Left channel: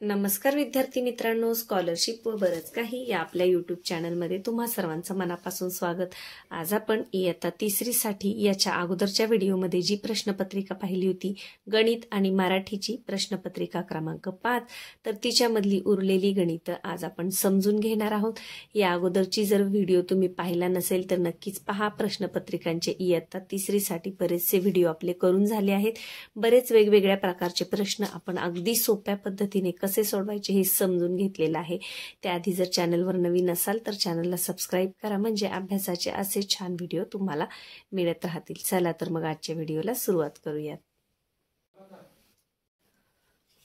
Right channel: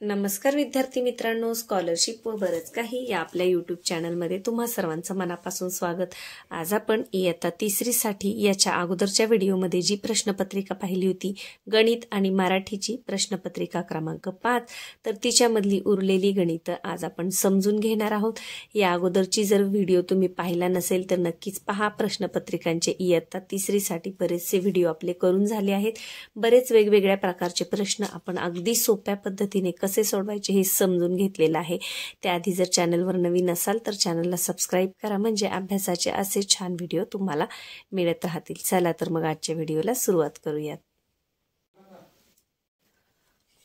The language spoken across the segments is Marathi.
नमस्कार विद्यार्थी मित्रांनो, स्कॉलरशिप व बरंच काही या आपल्या यूट्यूब चॅनलमध्ये तुम्हा सर्वांचं मनापासून स्वागत। आज आपण इयत्ता तिसरीसाठी याच्या अगोदरच्या व्हिडिओमध्ये जी प्रश्नपत्रिका पाहिली होती गणित आणि मराठीची प्रश्नपत्रिका क्रमांक 5, तर तिच्यामधली उरलेली गणितं आज आपण समजून घेणार आहोत। या अगोदरची जर व्हिडिओ तुम्ही पाहिला नसेल तर नक्कीच पहा। प्रश्नपत्रिकांचे इयत्ता तिसरीसाठी बरेचसे व्हिडिओ आपले करून झाले आहेत। बरेच वेगवेगळ्या प्रकारचे प्रश्न आपण अगदी सोप्या पद्धतीने कसे सोडवायचे हे समजून घेतलेलं आहे। त्याआधी जर चॅनलवर नवीन असाल तर चॅनलला सबस्क्राइब करा, म्हणजे अभ्यासाचे असे छान व्हिडिओ तुम्हाला मिळत राहतील। चला तर मग आजच्या व्हिडिओला सुरुवात करूयात।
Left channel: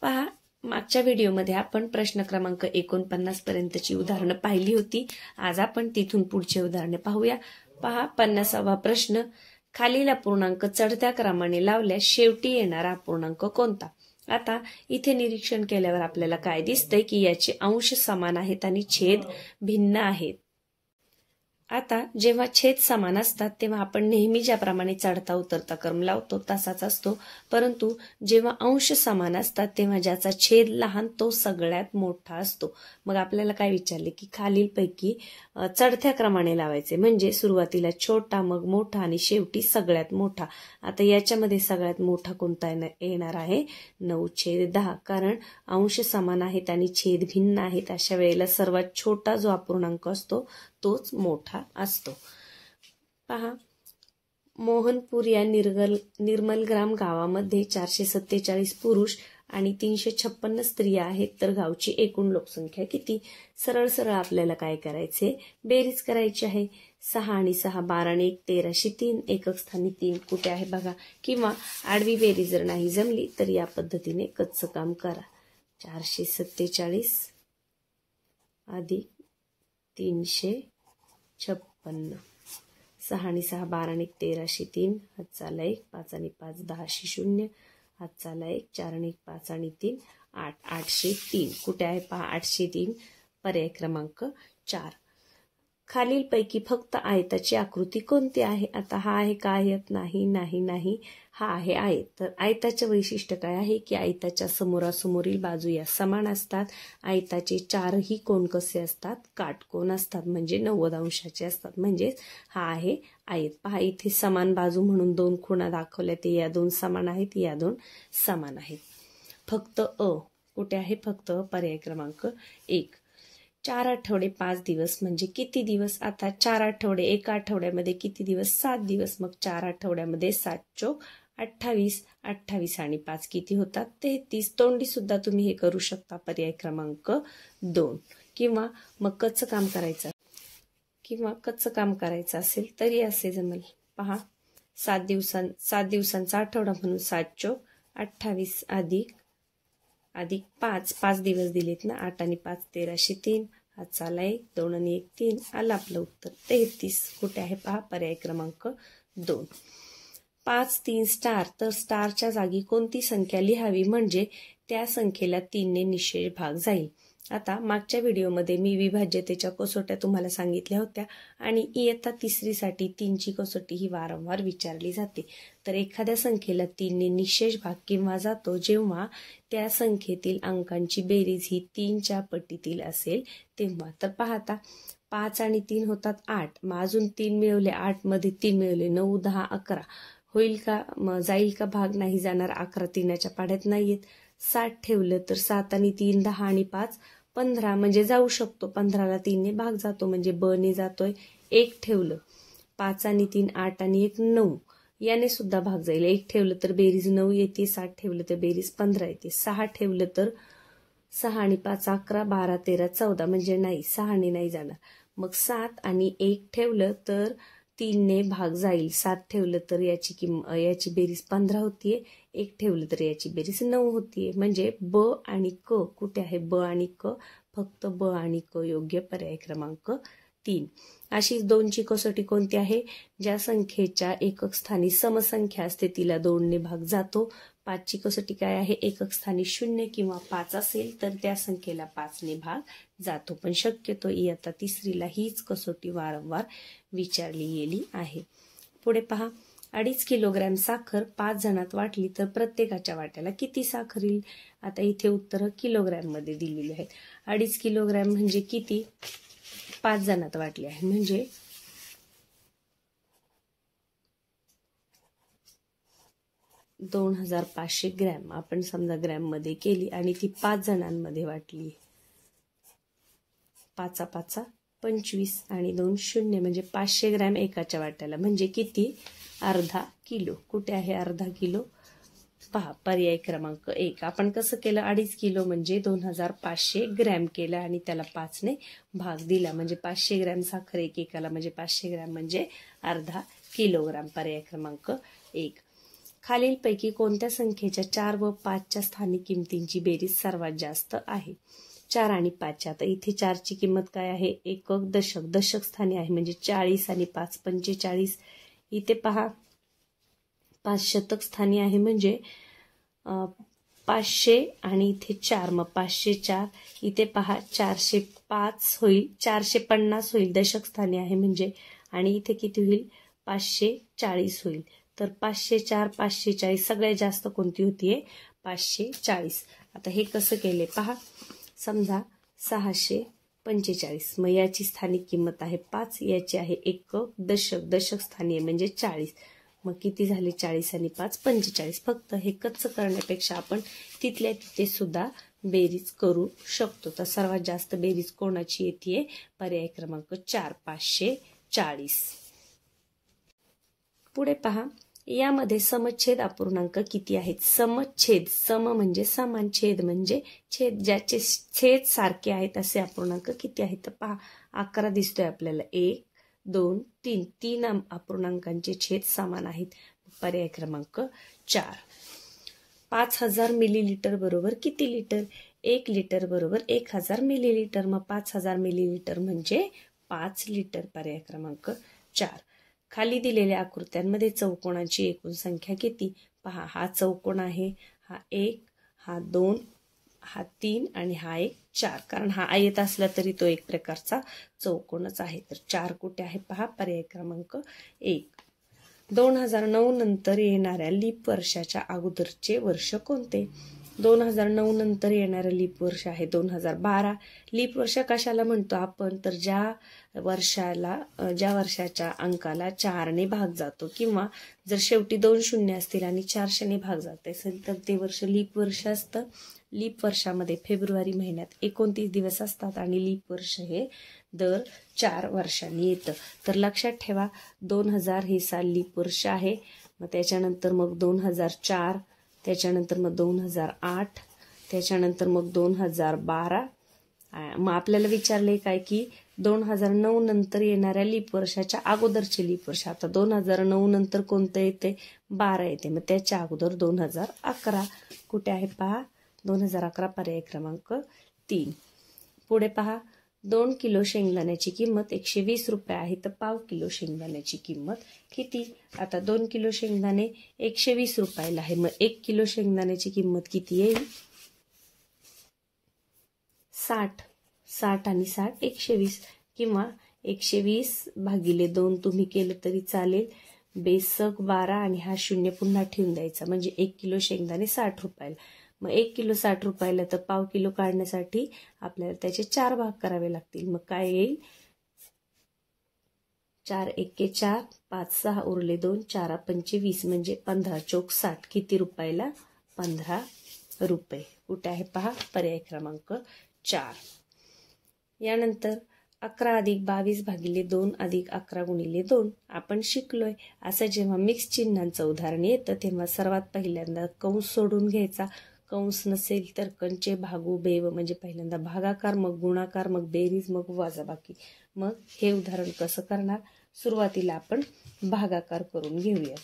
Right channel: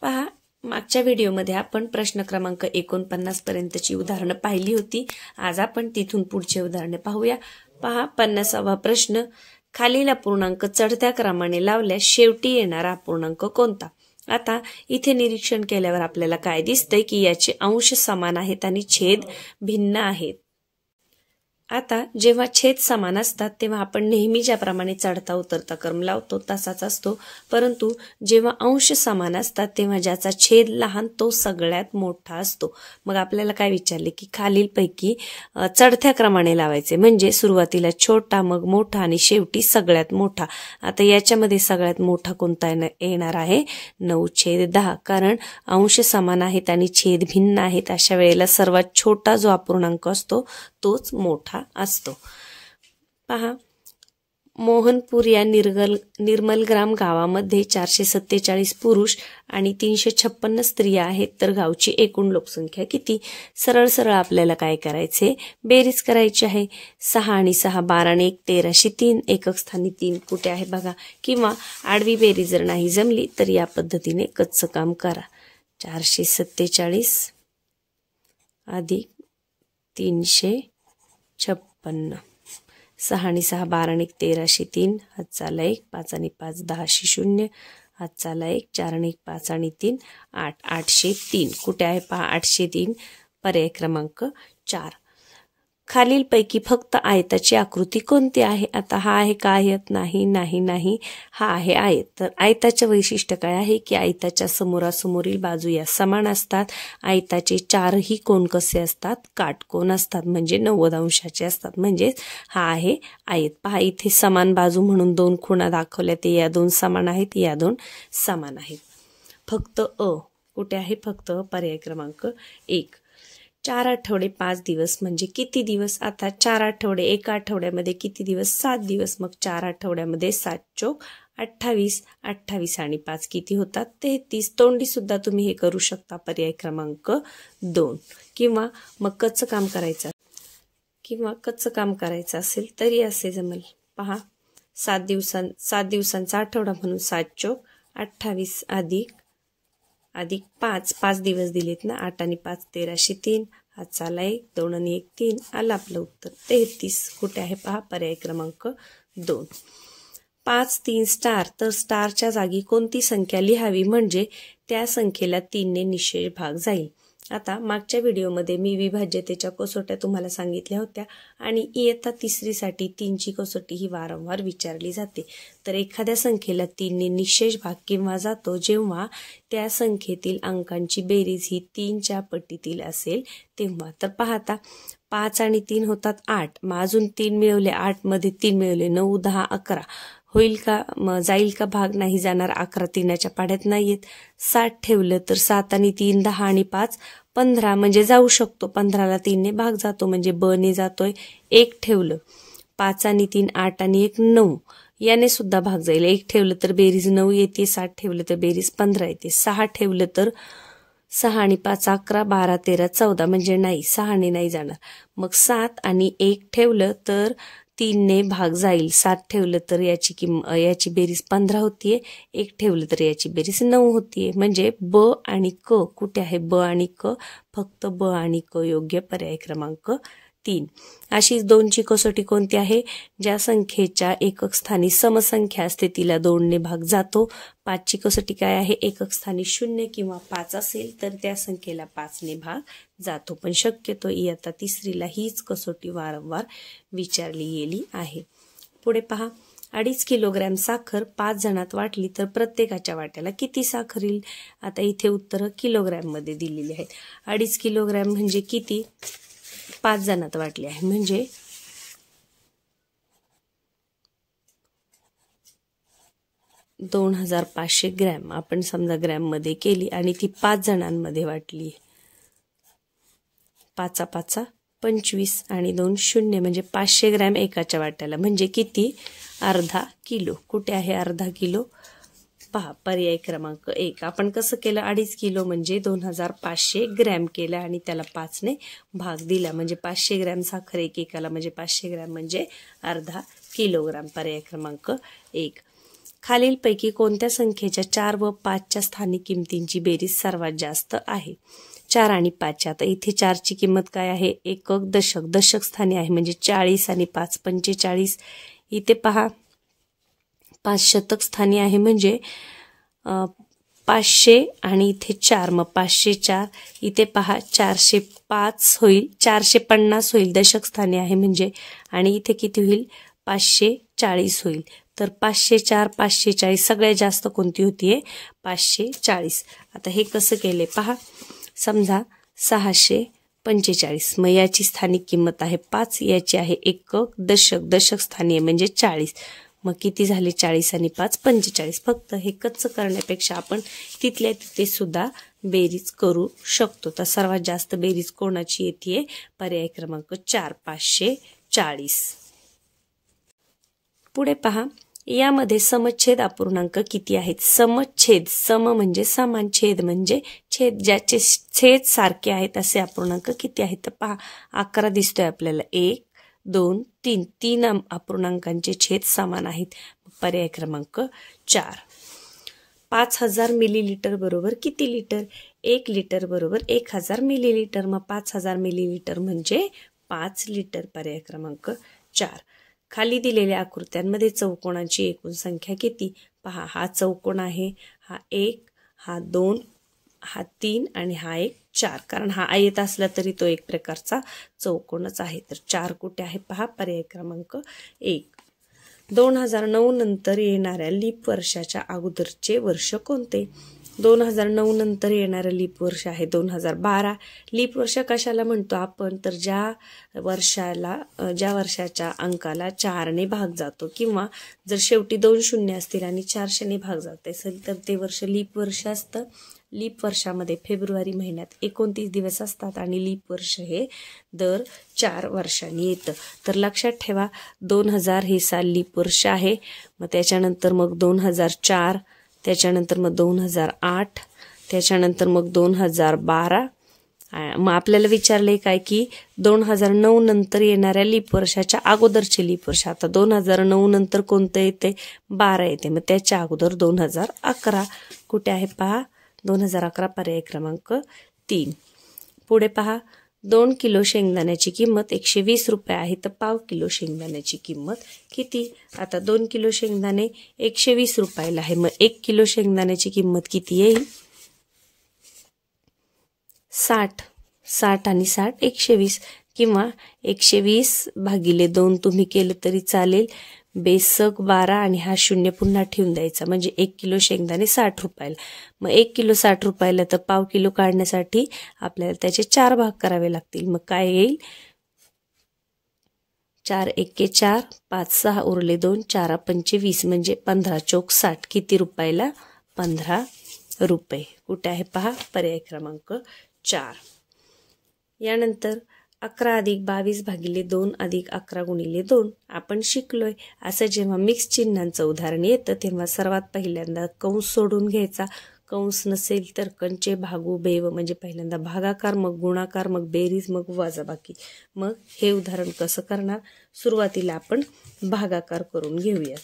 पहा, मागच्या व्हिडिओमध्ये आपण प्रश्न क्रमांक 49 पर्यंतची उदाहरणं पाहिली होती। आज आपण तिथून पुढचे उदाहरणे पाहूया। पहा, 50वा प्रश्न, खालील अपूर्णांक चढत्या क्रमाने लावल्यास शेवटी येणारा अपूर्णांक कोणता? आता इथे निरीक्षण केल्यावर आपल्याला काय दिसतंय की याचे अंश समान आहेत आणि छेद भिन्न आहेत। आता जेव्हा छेद समान असतात तेव्हा आपण नेहमी ज्याप्रमाणे चढता उतरता क्रम लावतो तसाच असतो, परंतु जेव्हा अंश समान असतात तेव्हा ज्याचा छेद लहान तो सगळ्यात मोठा असतो। मग आपल्याला काय विचारले की खालीलपैकी चढत्या क्रमाने लावायचे, म्हणजे सुरुवातीला छोटा, मग मोठा आणि शेवटी सगळ्यात मोठा। आता याच्यामध्ये सगळ्यात मोठा कोणता येणार आहे? 9/10, कारण अंश समान आहेत आणि छेद भिन्न आहेत। अशा वेळेला सर्वात छोटा जो अपूर्णांक असतो तोच मोठा असतो। पहा, मोहनपूर या निर्मलग्राम गावामध्ये 447 पुरुष आणि 356 स्त्रिया आहेत, तर गावची एकूण लोकसंख्या किती? सरळ सरळ आपल्याला काय करायचे? बेरीज करायची आहे। 6 आणि 6 12 आणि 1 13 अशी 3 एकक स्थानी 3 कुठे आहे बघा, किंवा आडवी बेरीज जर नाही जमली तर या पद्धतीने कच्चं काम करा। 447 अधिक 356, 6 आणि 6 12 आणि 1 13 अशी 3, हात चाला 1, 5 आणि 5 10 अशी 0, हात चाला 1, 4 आणि 1 5 आणि 3 8, 803 कुठे आहे पहा? 803 पर्याय क्रमांक 4। खालीलपैकी फक्त आयताची आकृती कोणती आहे? आता हा आहे का आयत? नाही नाही नाही, हा आहे आयत। तर आयताचे वैशिष्ट्य काय आहे की आयताच्या समोरासमोरील बाजू या समान असतात। आयताचे चारही कोन कसे असतात? काटकोन असतात, म्हणजे 90 अंशाचे असतात, म्हणजे हा आहे आयत। पहा, इथे समान बाजू म्हणून 2 खुणा दाखवल्या, ते या 2 समान आहेत, या 2 समान आहेत। फक्त कुठे आहे? फक्त पर्याय क्रमांक 1। 4 आठवडे 5 दिवस म्हणजे किती दिवस? आता 4 आठवडे, एका आठवड्यामध्ये किती दिवस? 7 दिवस। मग 4 आठवड्यामध्ये 7 चोक 28, 28 आणि 5 किती होतात? 33। तोंडी सुद्धा तुम्ही हे करू शकता, पर्याय क्रमांक 2। किंवा मग कच्चं काम करायचं असेल तरी असे जमेल। पहा, 7 दिवसांचा आठवडा म्हणून 7 चोक 28 अधिक 5 दिवस दिलेत ना, 8 आणि 5 13 अशी 3, हात चाला 1, 2 आणि 1 3, आलं आपलं उत्तर 33। कुठे आहे पहा? पर्याय क्रमांक 2। 5 3 स्टार, तर स्टारच्या जागी कोणती संख्या लिहावी म्हणजे त्या संख्येला 3 ने निशेष भाग जाईल? आता मागच्या व्हिडिओमध्ये मी विभाज्यतेच्या कसोट्या तुम्हाला सांगितल्या होत्या आणि इयत्ता तिसरीसाठी 3ची कसोटी ही वारंवार विचारली जाते। तर एखाद्या संख्येला 3 ने निशेष भाग केव्हा जातो? जेव्हा त्या संख्येतील अंकांची बेरीज ही 3च्या पटीतील असेल तेव्हा। तर पाहता 5 आणि 3 होतात 8, मग अजून 3 मिळवले, 8 मध्ये 3 मिळवले, 9 10 11 होईल का? जाईल का भाग? नाही जाणार। 11 3च्या पाढ्यात नाहीयेत। 7 ठेवलं तर 7 आणि 3 10 आणि 5 15, म्हणजे जाऊ शकतो। 15ला 3 ने भाग जातो, म्हणजे ब ने जातोय। 1 ठेवलं, 5 आणि 3 8 आणि 1 9, याने सुद्धा भाग जाईल। 1 ठेवलं तर बेरीज 9 येते, 7 ठेवलं तर बेरीज 15 येते। 6 ठेवलं तर 6 आणि 5 11 12 13 14, म्हणजे नाही, 6 ने नाही जाणार। मग 7 आणि 1 ठेवलं तर 3 ने भाग जाईल। 7 ठेवलं तर याची बेरीज 15 होतीये, 1 ठेवलं तर याची बेरीज 9 होतीये, म्हणजे ब आणि क कुठे आहे? ब आणि क, फक्त ब आणि क योग्य, पर्याय क्रमांक 3। अशी 2ची कसोटी कोणती आहे? ज्या संख्येच्या एकक स्थानी समसंख्या असते तिला 2 ने भाग जातो। 5ची कसोटी काय आहे? एकक स्थानी 0 किंवा 5 असेल तर त्या संख्येला 5 ने भाग जातो। पण शक्यतो इयत्ता तिसरीला हीच कसोटी वारंवार विचारली गेली आहे। पुढे पहा, 2.5 किलोग्रॅम साखर 5 जणात वाटली तर प्रत्येकाच्या वाट्याला किती साखर येईल? आता इथे उत्तर किलोग्रॅम मध्ये दिलेली आहेत. 2.5 किलोग्रॅम म्हणजे किती? 5 जणात वाटली आहे म्हणजे 2500 ग्रॅम. आपण समजा ग्रॅम मध्ये केली आणि ती 5 जणांमध्ये वाटली. 5 5 25 आणि 2 0 म्हणजे 500 ग्रॅम एकाच्या वाट्याला म्हणजे किती? अर्धा किलो. कुठे आहे अर्धा किलो? पहा पर्याय क्रमांक 1. आपण कसं केलं? 2.5 किलो म्हणजे 2500 ग्रॅम केलं आणि त्याला 5 ने भाग दिला म्हणजे 500 ग्रॅम साखर एकेकाला म्हणजे 500 ग्रॅम म्हणजे अर्धा किलोग्राम. पर्याय क्रमांक 1. खालीलपैकी कोणत्या संख्येच्या 4 व 5च्या स्थानिक किमतींची बेरीज सर्वात जास्त आहे? 4 आणि 5. आता इथे 4ची किंमत काय आहे? एकक दशक. दशक स्थानी आहे म्हणजे 40 आणि 5 45. इथे पहा 5 शतक स्थानी आहे म्हणजे 500 आणि इथे 4 मग 504. इथे पहा 405 होईल 450 होईल दशक स्थानी आहे म्हणजे आणि इथे किती होईल? 540 होईल. तर 504 540 सगळ्यात जास्त कोणती होतीये? 540. आता हे कसं केले पहा. समजा 645 मग याची स्थानिक किंमत आहे 5, याची आहे एकक दशक. दशक स्थानी आहे म्हणजे 40. मग किती झाले? 40 आणि 5 45. फक्त हे कच्चं करण्यापेक्षा आपण तिथल्या तिथे सुद्धा बेरीज करू शकतो. तर सर्वात जास्त बेरीज कोणाची येते? पर्याय क्रमांक 4 540. पुढे पहा. यामध्ये समच्छेद अपूर्णांक किती आहेत? समच्छेद, सम म्हणजे समान, छेद म्हणजे छेद, ज्याचे छेद सारखे आहेत असे अपूर्णांक किती आहेत? तर पहा 11 दिसतोय आपल्याला. 1 2 3 3 अपूर्णांकांचे छेद समान आहेत. पर्याय क्रमांक 4. 5000 मिलीलिटर बरोबर किती लिटर? 1 लिटर बरोबर 1000 मिलीलिटर. मग 5000 मिलीलिटर म्हणजे 5 लिटर. पर्याय क्रमांक 4. खाली दिलेल्या आकृत्यांमध्ये चौकोनाची एकूण संख्या किती? पहा हा चौकोन आहे, हा 1, हा 2, हा 3 आणि हा 1 4. कारण हा आयत असला तरी तो एक प्रकारचा चौकोनच आहे. तर 4 कुठे आहे? पहा पर्याय क्रमांक 1. 2009 नंतर येणाऱ्या लीप वर्षाच्या अगोदरचे वर्ष कोणते? 2009 नंतर येणारं लीप वर्ष आहे 2012. लीप वर्ष कशाला म्हणतो आपण? तर ज्या वर्षाच्या अंकाला 4 ने भाग जातो किंवा जर शेवटी 2 शून्य असतील आणि 400 ने भाग जात असेल तर ते वर्ष लीप वर्ष असतं. लीप वर्षामध्ये फेब्रुवारी महिन्यात 29 दिवस असतात आणि लीप वर्ष हे दर 4 वर्षांनी येतं. तर लक्षात ठेवा 2000 हे साल लीप वर्ष आहे. मग त्याच्यानंतर मग 2004, त्याच्यानंतर मग 2008, त्याच्यानंतर मग 2012. मग आपल्याला विचारले काय की 2009 नंतर येणाऱ्या लीप वर्षाच्या अगोदरचे लीप वर्ष. आता 2009 नंतर कोणतं येते? 12 येते. मग त्याच्या अगोदर 2011 कुठे आहे? पहा 2011 पर्याय क्रमांक 3. पुढे पहा 2 किलो शेंगदाण्याची किंमत 120 रुपये आहे तर पाव किलो शेंगदाण्याची किंमत किती? आता 2 किलो शेंगदाणे 120 रुपयाला आहे. मग 1 किलो शेंगदाण्याची किंमत किती येईल? 60. 60 आणि 60 120 किंवा 120 भागिले 2 तुम्ही केलं तरी चालेल. बेसक 12 आणि हा शून्य पुन्हा ठेवून द्यायचा म्हणजे 1 किलो शेंगदाणे 60 रुपयाला. मग 1 किलो 60 रुपयाला तर पाव किलो काढण्यासाठी आपल्याला त्याचे 4 भाग करावे लागतील. मग काय येईल? 4 1 4 5 6 उरले 2 4 5 20 म्हणजे 15 चौक 60 किती रुपयाला? 15 रुपये. कुठे आहे? पहा पर्याय क्रमांक 4. यानंतर 11 अधिक 22 भागिले 2 अधिक 11 गुणिले 2 आपण शिकलोय. असं जेव्हा मिक्स चिन्हांचं उदाहरण येतं तेव्हा सर्वात पहिल्यांदा कंस सोडून घ्यायचा. कंस नसेल तर कंचे भागू बेव म्हणजे पहिल्यांदा भागाकार, मग गुणाकार, मग बेरीज, मग वजाबाकी. मग हे उदाहरण कसं करणार? सुरुवातीला आपण भागाकार करून घेऊया.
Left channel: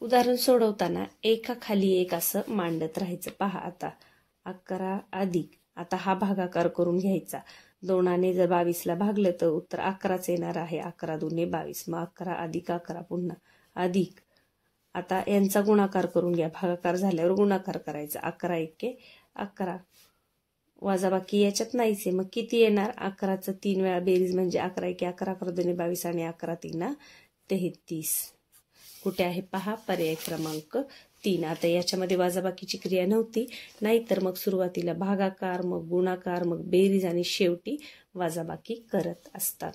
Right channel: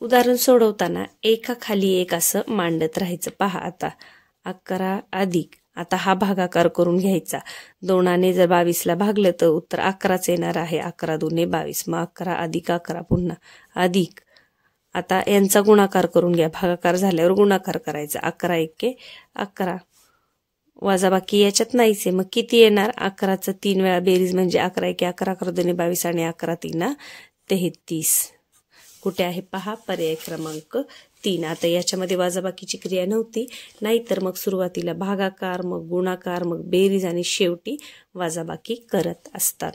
उदाहरण सोडवताना एकाखाली एक असं मांडत राहायचं. पहा आता 11 अधिक, आता हा भागाकार करून घ्यायचा. 2ने जर 22ला भागलं तर उत्तर 11च येणार आहे. 11 2 22. मग 11 अधिक 11 पुन्हा अधिक. आता यांचा गुणाकार करून घ्या. भागाकार झाल्यावर गुणाकार करायचा. 11 1 11. वजाबाकी याच्यात नाहीच आहे. मग किती येणार? 11चं 3 वेळा बेरीज म्हणजे 11 1 11 11 2 22 आणि 11 3 33. कुठे आहे पहा, पर्याय क्रमांक 3. आता याच्यामध्ये वजाबाकीची क्रिया नव्हती, नाहीतर मग सुरुवातीला भागाकार, मग गुणाकार, मग बेरीज आणि शेवटी वजाबाकी करत असतात.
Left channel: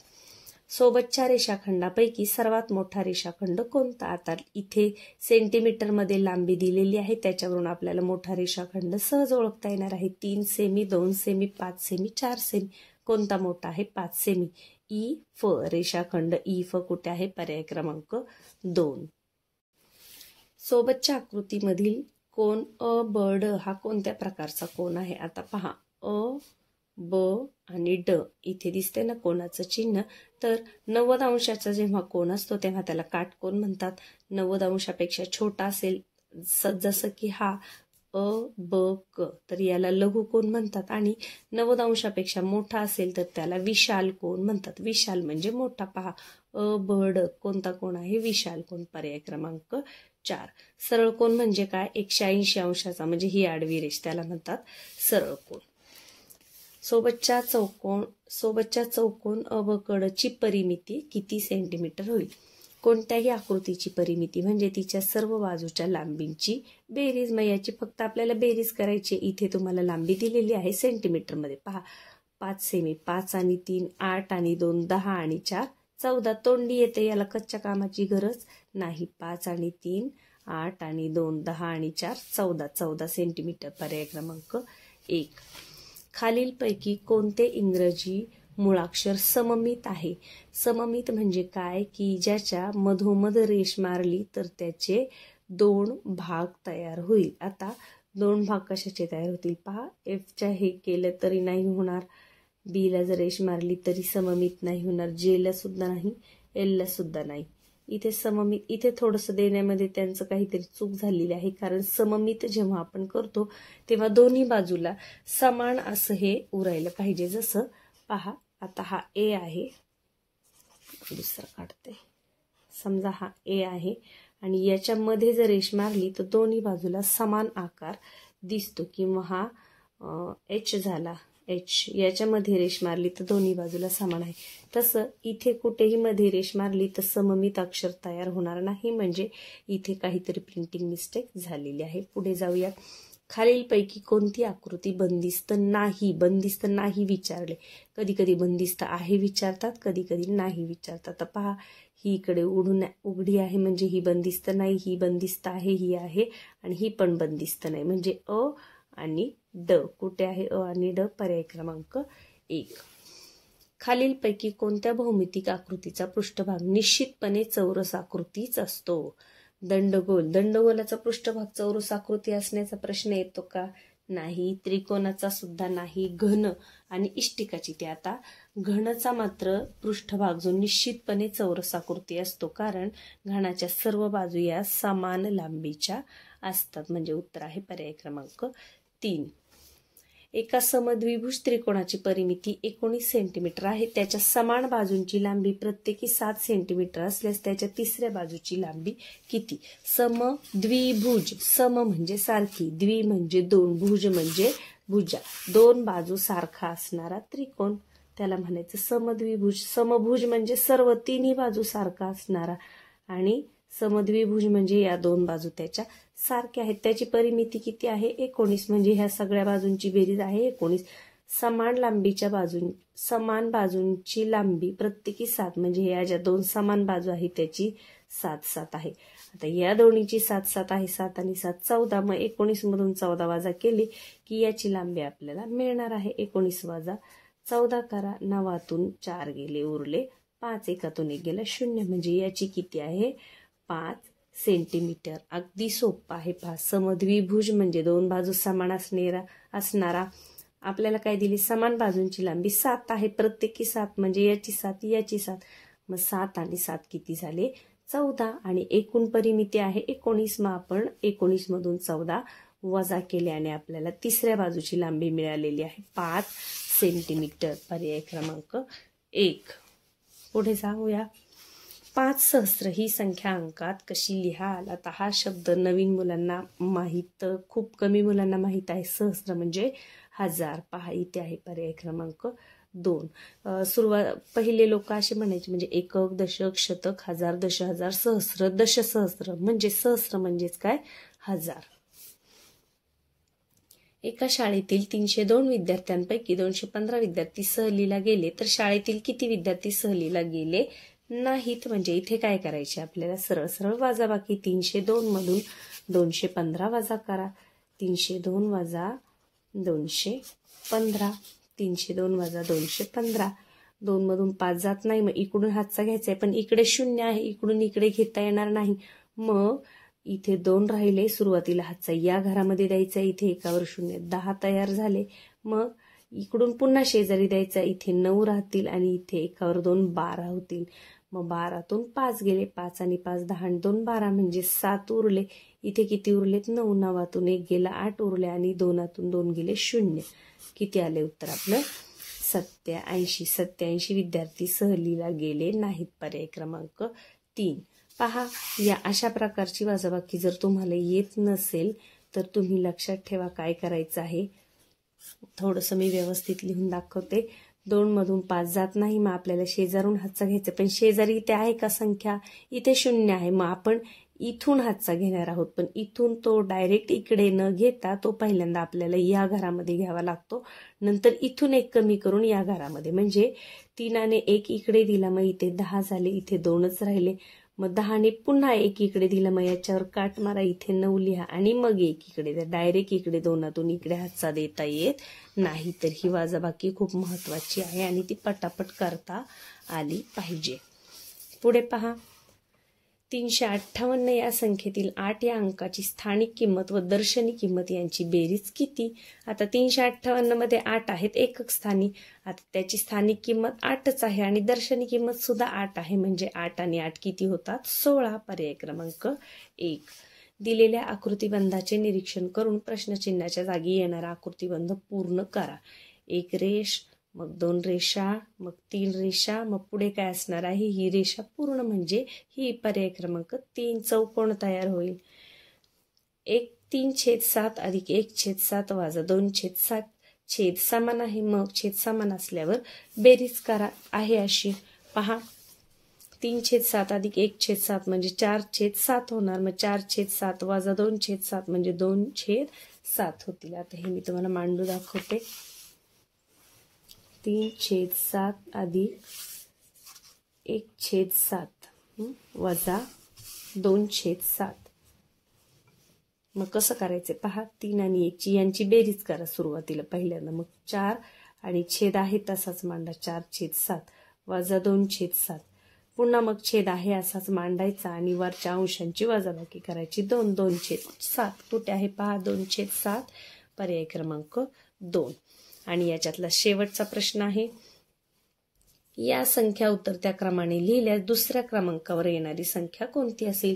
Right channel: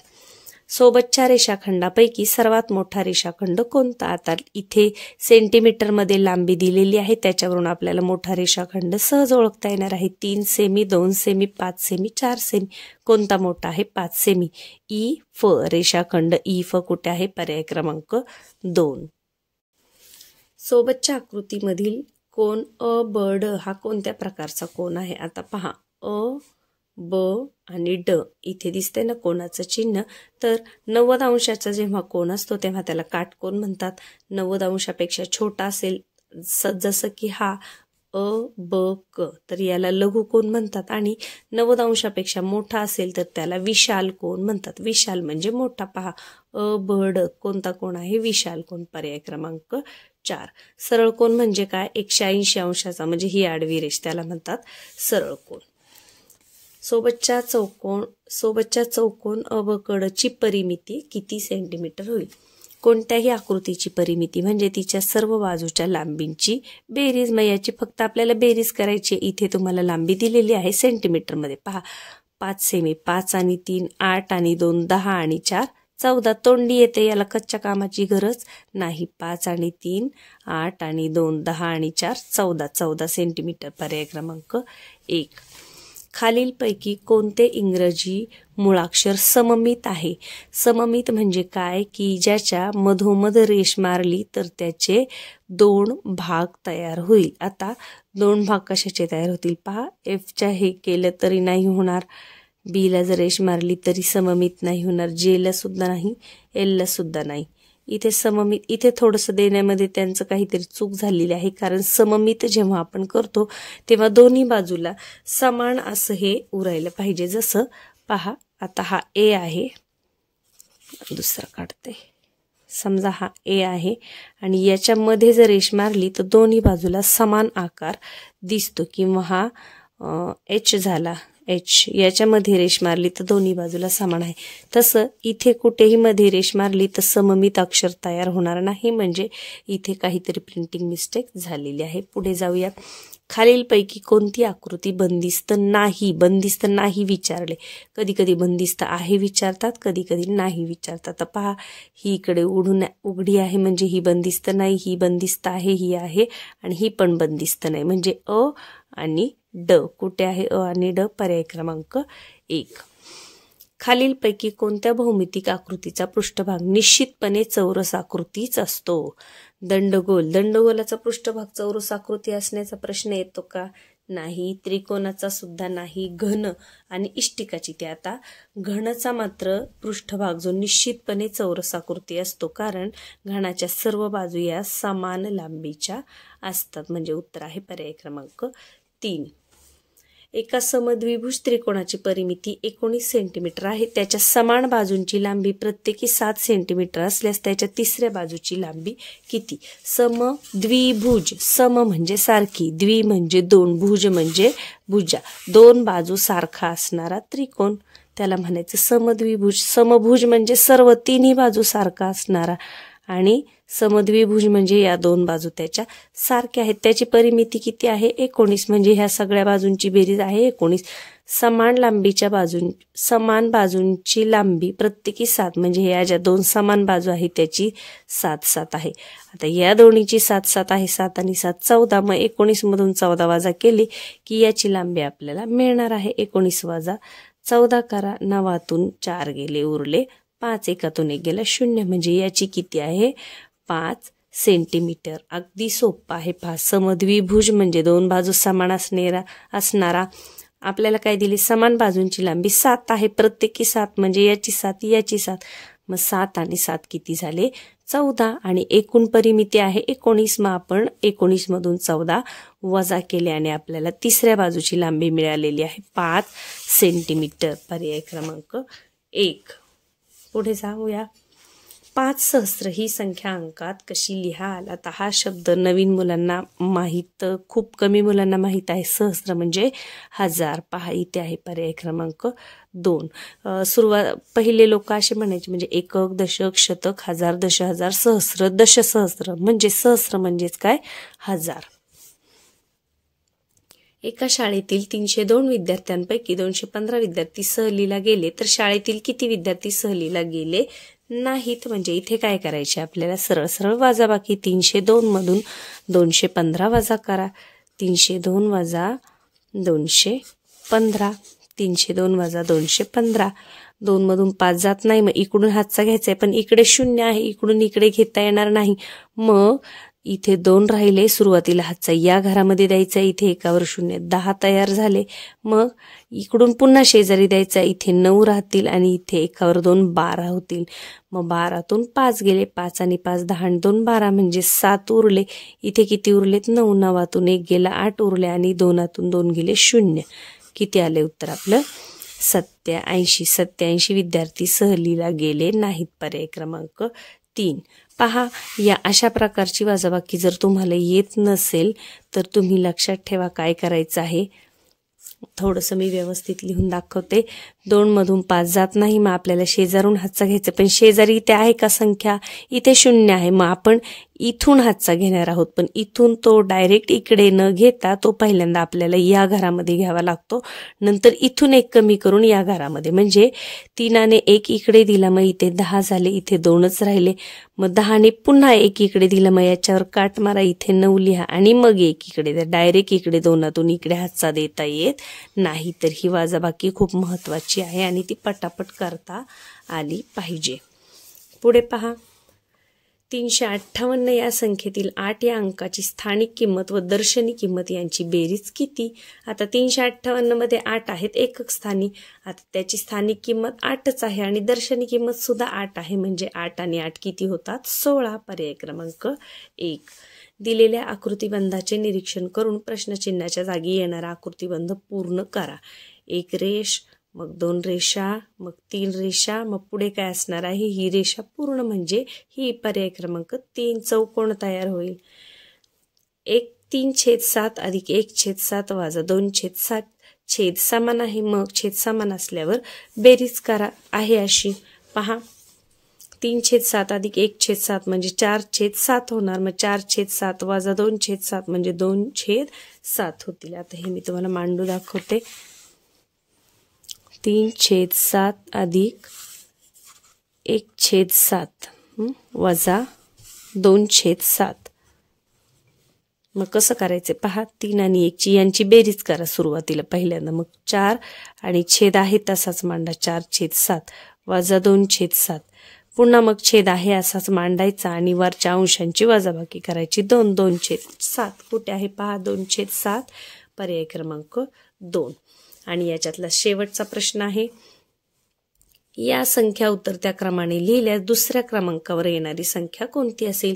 सोबतच्या रेषाखंडापैकी सर्वात मोठा रेषाखंड कोणता? आता इथे सेंटीमीटरमध्ये लांबी दिलेली आहे, त्याच्यावरून आपल्याला मोठा रेषाखंड सहज ओळखता येणार आहे. 3 सेमी, 2 सेमी, 5 सेमी, 4 सेमी. कोणता मोठा आहे? 5 सेमी. ई फ रेषाखंड ई फ कुठे आहे? पर्याय क्रमांक 2. सोबतच्या आकृतीमधील कोन अ ब ड हा कोणत्या प्रकारचा कोन आहे? आता पहा, अ ब आणि ड इथे दिसते ना कोनाचं चिन्ह, तर 90 अंशाचा जेव्हा कोन असतो तेव्हा त्याला काटकोन म्हणतात. 90 अंशापेक्षा छोटा असेल जसं की हा अ ब क, तर याला लघु कोन म्हणतात. आणि 90 अंशापेक्षा मोठा असेल तर त्याला विशाल कोन म्हणतात. विशाल म्हणजे मोठा. पहा, अ ब ड कोणता कोन आहे? विशाल कोन. पर्याय क्रमांक 4. सरळ कोन म्हणजे काय? 180 अंशाचा, म्हणजे ही आडवी रेष, त्याला म्हणतात सरळ कोन. सोबतच्या चौकोन अ ब क ड ची परिमिती किती सेंटीमीटर होईल? कोणत्याही आकृतीची परिमिती म्हणजे तिच्या सर्व बाजूच्या लांबींची बेरीज. मग याची फक्त आपल्याला बेरीज करायची. इथे तुम्हाला लांबी दिलेली आहे सेंटीमीटरमध्ये. पहा, 5 सेमी, 5 आणि 3 8 आणि 2 10 आणि 4 14. तोंडी येते, याला कच्च्या कामाची गरज नाही. 5 आणि 3 8 आणि 2 10 आणि 4 14. 14 सेंटीमीटर. पर्याय क्रमांक 1. खालीलपैकी कोणते इंग्रजी मुळाक्षर सममित आहे? सममित म्हणजे काय? की ज्याच्या मधोमध रेष मारली तर त्याचे 2 भाग तयार होईल. आता 2 भाग कशाचे तयार होतील? पहा, एफच्या हे केलं तरी नाही होणार, बीला जर रेष मारली तरी सममित नाही होणार, जेला सुद्धा नाही, एलला सुद्धा नाही. इथे सममित, इथे थोडंसं देण्यामध्ये त्यांचं काहीतरी चूक झालेली आहे, कारण सममित जेव्हा आपण करतो तेव्हा दोन्ही बाजूला समान असं हे उरायला पाहिजे. जसं पहा, आता हा ए आहे, दुसरा काढते. समजा हा ए आहे आणि याच्यामध्ये जर रेष मारली तर दोन्ही बाजूला समान आकार दिसतो. किंवा हा एच झाला, एच, याच्यामध्ये रेष मारली तर दोन्ही बाजूला समान आहे. तसं इथे कुठेही मध्ये रेष मारली तर सममित अक्षर तयार होणार नाही, म्हणजे इथे काहीतरी प्रिंटिंग मिस्टेक झालेली आहे. पुढे जाऊया. खालीलपैकी कोणती आकृती बंदिस्त नाही? बंदिस्त नाही विचारले. कधी कधी बंदिस्त आहे विचारतात, कधी कधी नाही विचारतात. तर पहा, ही इकडे उघडी आहे म्हणजे ही बंदिस्त नाही, ही बंदिस्त आहे, ही आहे, आणि ही पण बंदिस्त नाही, म्हणजे अ आणि ड. कुठे आहे अ आणि ड? पर्याय क्रमांक 1. खालीलपैकी कोणत्या भौमितिक आकृतीचा पृष्ठभाग निश्चितपणे चौरस आकृतीच असतो? दंडगोल. दंडगोलाचा पृष्ठभाग चौरस आकृती असण्याचा प्रश्न येतो का? नाही. त्रिकोणाचा सुद्धा नाही. घन आणि इष्टिकाची. ते आता घनचा मात्र पृष्ठभाग जो निश्चितपणे चौरस आकृती असतो, कारण घनाच्या सर्व बाजू या समान लांबीच्या असतात. म्हणजे उत्तर आहे पर्याय क्रमांक 3. एका समद्विभुज त्रिकोणाची परिमिती 19 सेंटीमीटर आहे. त्याच्या समान बाजूंची लांबी प्रत्येकी 7 सेंटीमीटर असल्यास त्याच्या तिसऱ्या बाजूची लांबी किती? समद्विभुज. सम म्हणजे सारखी, द्वि म्हणजे 2, भुज म्हणजे भुजा, 2 बाजू सारखा असणारा त्रिकोण, त्याला म्हणायचं समद्विभुज. समभुज म्हणजे सर्व तिन्ही बाजू सारखा असणारा, आणि समद्विभुज म्हणजे या 2 बाजू त्याच्या सारख्या आहेत. त्याची परिमिती किती आहे? 19, म्हणजे ह्या सगळ्या बाजूंची बेरीज आहे 19. समान बाजूंची लांबी प्रत्येकी 7, म्हणजे ह्या ज्या 2 समान बाजू आहेत त्याची 7 आहे. आता या दोन्हीची 7 आहे, 7 आणि 7 14. मग 19 मधून 14 वजा केली की याची लांबी आपल्याला मिळणार आहे. 19 वजा 14 करा, 9तून 4 गेले, उरले 5, 1तून 1 गेला 0, म्हणजे याची किती आहे? 5 सेंटीमीटर. अगदी सोपं आहे. पहा, समद्विभुज म्हणजे 2 बाजू समान असणारा. आपल्याला काय दिली? समान बाजूंची लांबी 7 आहे, प्रत्येकी 7, म्हणजे याची 7 याची 7. मग 7 आणि 7 किती झाले? 14. आणि एकूण परिमिती आहे 19. मग आपण 19 मधून 14 वजा केले आणि आपल्याला तिसऱ्या बाजूची लांबी मिळालेली आहे 5 सेंटीमीटर. पर्याय क्रमांक 1. पुढे जाऊया. 5 सहस्र ही संख्या अंकात कशी लिहाल? आता हा शब्द नवीन मुलांना माहीत, खूप कमी मुलांना माहीत आहे. सहस्र म्हणजे 1000. पहा इथे आहे पर्याय क्रमांक 2. पहिले लोक असे म्हणायचे, म्हणजे एकक, दशक, शतक, हजार, दशहजार, सहस्र, दशसहस्र. म्हणजे सहस्र म्हणजेच काय? 1000. एका शाळेतील 302 विद्यार्थ्यांपैकी 215 विद्यार्थी सहलीला गेले तर शाळेतील किती विद्यार्थी सहलीला गेले नाहीत? म्हणजे इथे काय करायचे आपल्याला? सरळ सरळ वजाबाकी. 302 मधून 215 वजा करा. 302 वजा 215. 302 वजा 215. 2 मधून 5 जात नाही, मग इकडून हातचा घ्यायचा आहे, पण इकडे 0 आहे, इकडून इकडे घेता येणार नाही. मग इथे 2 राहिले, सुरुवातीला हातचा या घरामध्ये द्यायचा, इथे एकावर 0, 10 तयार झाले. मग इकडून पुन्हा शेजारी द्यायचा, इथे 9 राहतील आणि इथे एकावर 2 12 होतील. मग 12तून 5 गेले, 5 आणि 5 10 आणि 2 12 म्हणजे 7 उरले. इथे किती उरलेत? 9. 9तून 1 गेला, 8 उरले आणि 2तून 2 गेले 0. किती आले उत्तर आपलं? 87. 87 विद्यार्थी सहलीला गेले नाहीत. पर्याय क्रमांक 3. पहा, या अशा प्रकारची वजाबाकी जर तुम्हाला येत नसेल तर तुम्ही लक्षात ठेवा काय करायचं आहे. थोडंसं मी व्यवस्थित लिहून दाखवते. 2 मधून 5 जात नाही, मग आपल्याला शेजारून हातचा घ्यायचा, पण शेजारी इथे आहे का संख्या? इथे 0 आहे. मग आपण इथून हातचा घेणार आहोत, पण इथून तो डायरेक्ट इकडे न घेता तो पहिल्यांदा आपल्याला या घरामध्ये घ्यावा लागतो. नंतर इथून 1 कमी करून या घरामध्ये, म्हणजे 3 ने 1 इकडे दिला, मग इथे 10 झाले, इथे 2च राहिले. मग 10 ने पुन्हा 1 इकडे दिला, मग याच्यावर काट मारा, इथे 9 लिहा आणि मग 1 इकडे द्या. डायरेक्ट इकडे 2तून इकडे हातचा देता येत नाही. तर ही वजाबाकी खूप महत्त्वाची आहे आणि ती पटापट करता आली पाहिजे. पुढे पहा, 358 या संख्येतील 8 या अंकाची स्थानिक किंमत व दर्शनी किंमत यांची बेरीज किती? आता 358 मध्ये 8 आहेत एकक स्थानी. आता त्याची स्थानिक किंमत 8च आहे आणि दर्शनी किंमत सुद्धा 8 आहे, म्हणजे 8 आणि 8 किती होतात? 16. पर्याय क्रमांक 1. दिलेल्या आकृतिबंधाचे निरीक्षण करून प्रश्नचिन्हाच्या जागी येणारा आकृतिबंध पूर्ण करा. 1 रेष, मग 2 रेषा, मग 3 रेषा, मग पुढे काय असणार आहे? ही रेषा पूर्ण, म्हणजे ही पर्याय क्रमांक 3. चौकोन तयार होईल. 3/7 अधिक 1/7 वजा 2/7 छेद समान आहे. मग छेद समान असल्यावर बेरीज करा आहे अशी. पहा, 3/7 अधिक 1/7 म्हणजे 4/7 होणार. मग 4/7 वजा 2/7 म्हणजे 2/7 होतील. आता हे मी तुम्हाला मांडू दाखवते. 3/7 अधिक 1/7 वजा 2/7. मग कसं करायचं? पहा, 3 आणि 1 यांची बेरीज करा सुरुवातीला पहिल्यांदा. मग 4 आणि छेद आहे तसाच मांडा, 4/7 वजा 2/7. पुन्हा मग छेद आहे असाच मांडायचा आणि वरच्या अंशांची वजाबाकी करायची. 2/7 कुठे आहे? पहा, 2/7. पर्याय क्रमांक 2. आणि याच्यातला शेवटचा प्रश्न आहे, या संख्या उतरत्या क्रमाने लिहिल्यास दुसऱ्या क्रमांकावर येणारी संख्या कोणती असेल?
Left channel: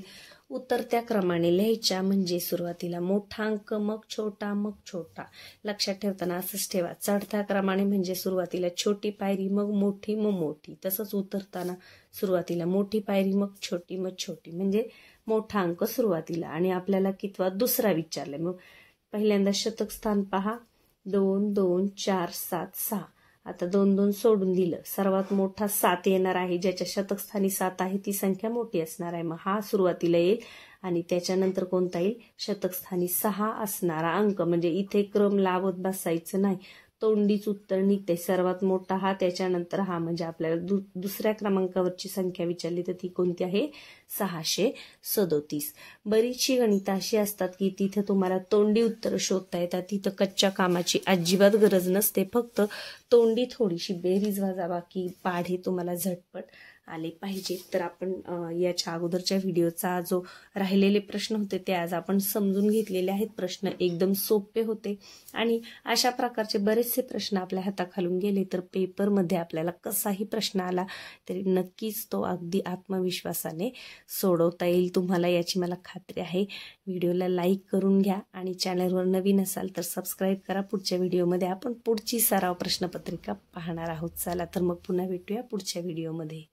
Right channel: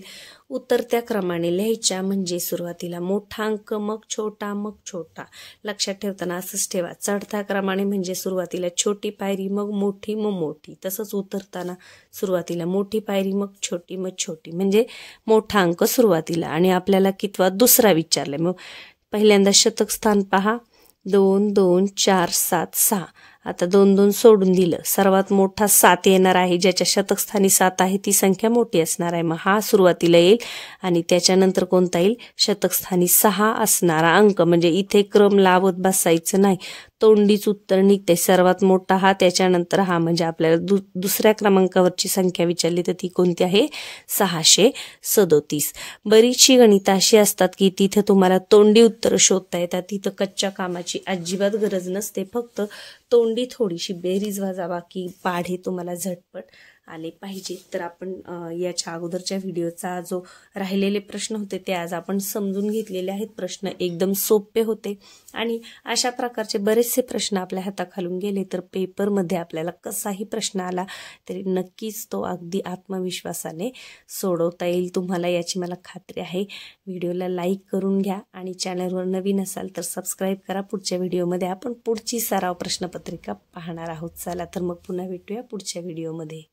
उतरत्या क्रमाने लिहायच्या, म्हणजे सुरुवातीला मोठा अंक, मग छोटा, मग छोटा. लक्षात ठेवताना असंच ठेवा. चढत्या क्रमाने म्हणजे सुरुवातीला छोटी पायरी, मग मोठी, मग मोठी. तसंच उतरताना सुरुवातीला मोठी पायरी, मग छोटी, मग छोटी. म्हणजे मोठा अंक सुरुवातीला. आणि आपल्याला कितवा? दुसरा विचारलाय. मग पहिल्यांदा शतक स्थान पहा, 2 2 4 7 6. आता 2 2 सोडून दिलं. सर्वात मोठा 7 येणार आहे. ज्याच्या शतक स्थानी 7 आहे ती संख्या मोठी असणार आहे. मग हा सुरुवातीला येईल आणि त्याच्यानंतर कोणता येईल? शतक स्थानी 6 असणारा अंक. म्हणजे इथे क्रम लावत बसायचं नाही, तोंडीच उत्तर निघते. सर्वात मोठा हा, त्याच्यानंतर हा. म्हणजे आपल्याला दुसऱ्या क्रमांकावरची संख्या विचारली तर ती कोणती आहे? 637. बरीचशी गणितं अशी असतात की तिथे तुम्हाला तोंडी उत्तर शोधता येतात. तिथं कच्च्या कामाची अजिबात गरज नसते. फक्त तोंडी थोडीशी बेरीज वजाबाकी पाढे तुम्हाला झटपट आले पाहिजे. तर आपण याच्या अगोदरच्या व्हिडिओचा जो राहिलेले प्रश्न होते ते आज आपण समजून घेतलेले आहेत. प्रश्न एकदम सोपे होते आणि अशा प्रकारचे बरेचसे प्रश्न आपल्या हाताखालून गेले तर पेपरमध्ये आपल्याला कसाही प्रश्न आला तरी नक्कीच तो अगदी आत्मविश्वासाने सोडवता येईल तुम्हाला, याची मला खात्री आहे. व्हिडिओला लाईक करून घ्या आणि चॅनलवर नवीन असाल तर सबस्क्राईब करा. पुढच्या व्हिडिओमध्ये आपण पुढची सराव प्रश्नपत्रिका पाहणार आहोत. चला तर मग पुन्हा भेटूया पुढच्या व्हिडिओमध्ये.